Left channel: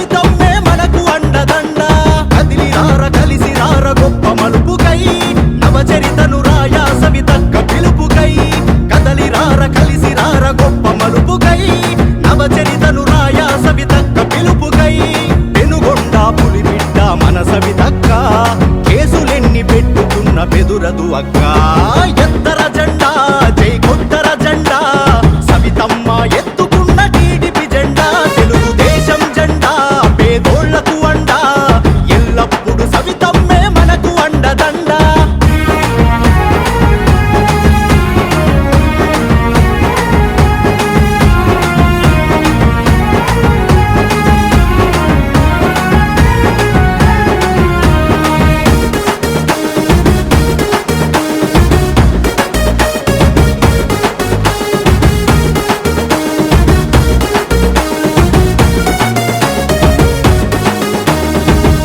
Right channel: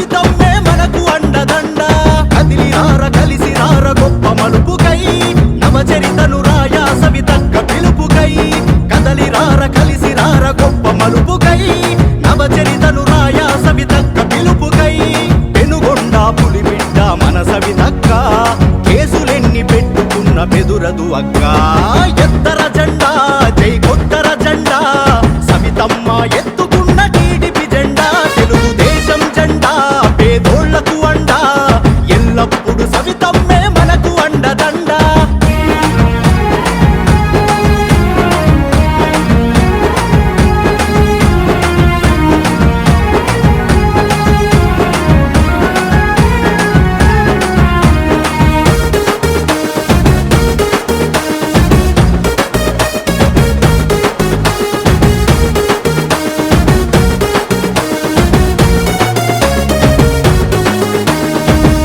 సవితమ్మే మనకు అండదండ కదిలిరార కలిసిరార గొప్ప మలుపుకై నవచరితను రాయా సవితక్క పిలుపుకై కదలిరార కలిసిరార గొప్ప మలుపుకై నవచరితను రాయా సవితక్క పిలుపుకై పెనుగొండ పులిబిడ్డ మన సవితక్క కేసులెన్ని పెట్టుకున్న బెదురదు అక్క ఎత్తర జెండా జై కొట్టర జెండా సవితమ్మ ఎత్తుకున్న టీడీపీ జెండా తెలుగుదేశం జెండా పేదోళ్లకు అండా ఎల్లప్పుడు సవితమ్మే మనకు అండదండ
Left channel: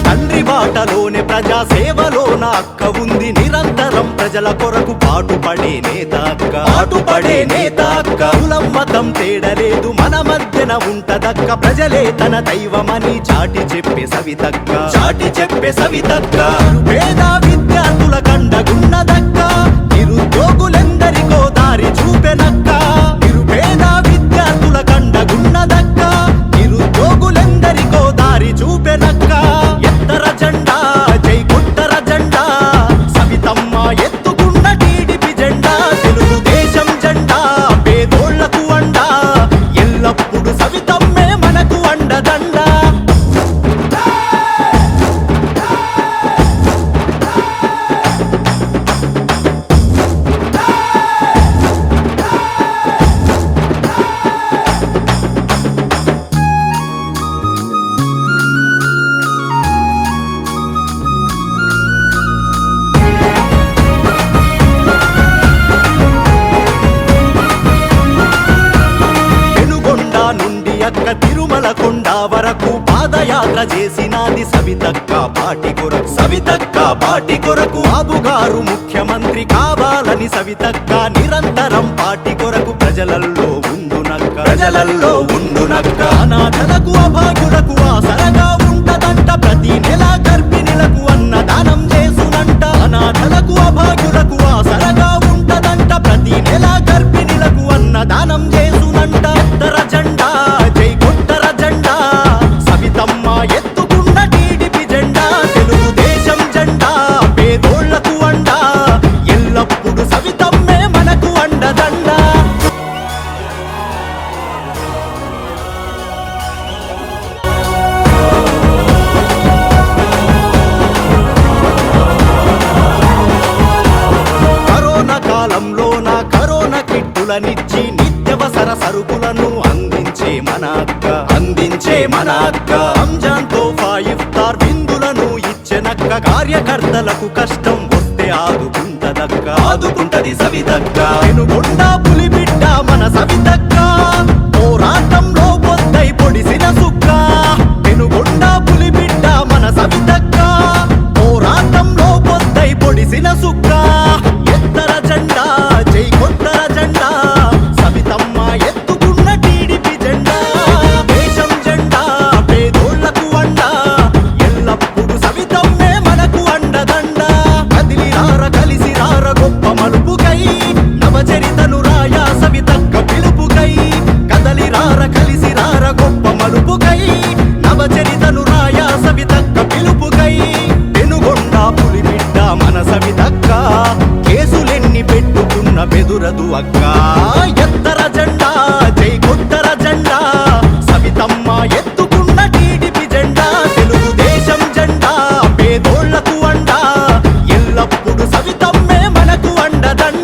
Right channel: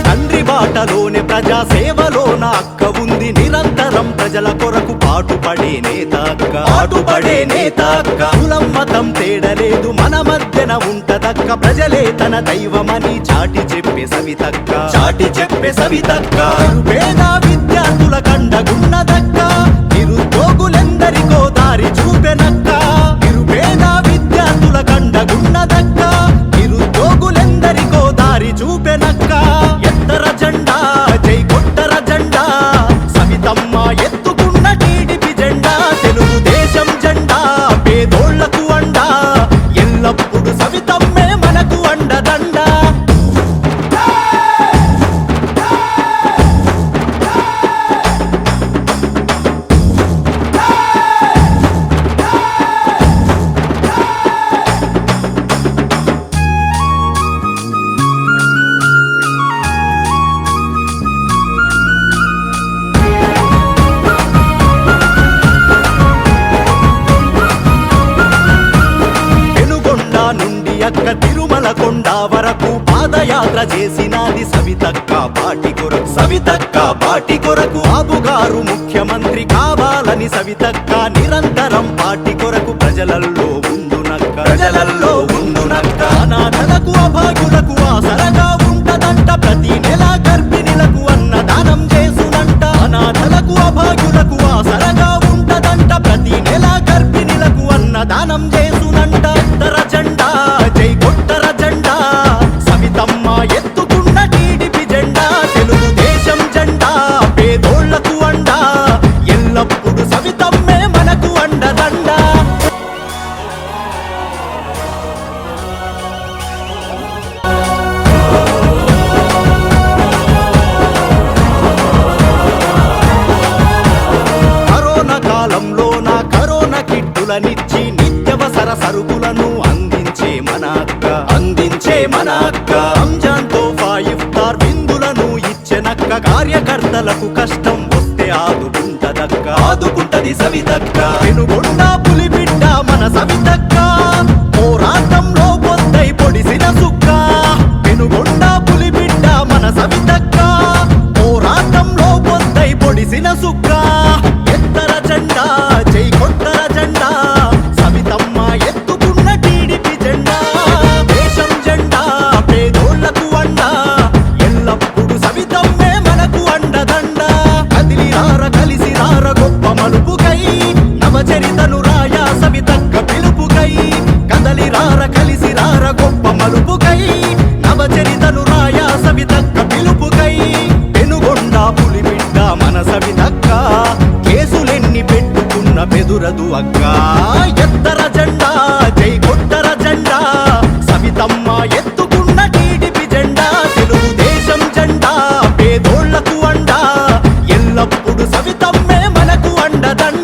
తండ్రి బాటలోనే ప్రజా సేవలోన అక్క ఉంది నిరంతరం ప్రజల కొరకు పాటుపడే నేత అక్క కులం మతం తేడలేదు మన మధ్యన ఉంటదక్క ప్రజలే తన దైవమని చాటి చెప్పే సవితక్క పేద విద్యార్థుల కండగున్నదక్క నిరుద్యోగులెందరికో దారి చూపెనక్క నిరుపేద విద్యార్థుల కండగున్నదక్క నిరుద్యోగులెందరికో దారి చూపెనక్క ఎత్తర జెండా జై కొట్టర జెండా సవితమ్మ ఎత్తుకున్న టీడీపీ జెండా తెలుగుదేశం జెండా పేదోళ్లకు అండా ఎల్లప్పుడు సవితమ్మే మనకు అండదండ నుండి అక్క తిరుమల కొండ వరకు పాదయాత్ర చేసినది సవితక్క పాటి కొరకు బాబుగారు ముఖ్యమంత్రి కావాలని సవితక్క నిరంతరం పాటి కొరకు ప్రజలల్లో ఉండునక్క అనాథలకు అభాగ్యులకు ఆసరగా ఉంటదంట ప్రతి నెల గర్భిణులకు అన్నదానం చేసునంట అనాథలకు అభాగ్యులకు ఆసరగా ఉంటదంట ప్రతి నెల గర్భిణులకు అన్నదానం చేసునంట ఎత్తర జెండా జై కొట్టర జెండా సవితమ్మ ఎత్తుకున్న టీడీపీ జెండా తెలుగుదేశం జెండా పేదోళ్లకు అండా ఎల్లప్పుడు సవితమ్మే మనకు అండదండ కాలంలో నా కరోనా కిట్టులనిచ్చి నిత్యవసర సరుకులను అందించే మన అక్క రంజాన్ తోఫా ఇఫ్తార్ బిందులను ఇచ్చెనక్క కార్యకర్తలకు కష్టం వస్తే ఆదుకుంటది సవితక్క పెనుగొండ పులిబిడ్డ మన సవితక్క పోరాటంలో పొద్దై పొడిసిన సుక్క పెనుగొండ పులిబిడ్డ మన సవితక్క పోరాటంలో పొద్దై పొడిసిన సుక్క ఎత్తర జెండా జై కొట్టర జెండా సవితమ్మ ఎత్తుకున్న టీడీపీ జెండా దేశం జెండా పేదోళ్లకు అండా ఎల్లప్పుడు సవితమ్మే మనకు అండదండ కదిలిరార కలిసిరార గొప్ప మలుపుకై నవచరితను రాయా సవితక్క పిలుపుకై కదలిరార కలిసిరార గొప్ప మలుపుకై నవచరితను రాయా సవితక్క పిలుపుకై పెనుగొండ పులిబిడ్డ మన సవితక్క కేసులెన్ని పెట్టుకున్న బెదురదు అక్క ఎత్తర జెండా జై కొట్టర జెండా సవితమ్మ ఎత్తుకున్న టీడీపీ జెండా తెలుగుదేశం జెండా పేదోళ్లకు అండా ఎల్లప్పుడు సవితమ్మే మనకు అండదండ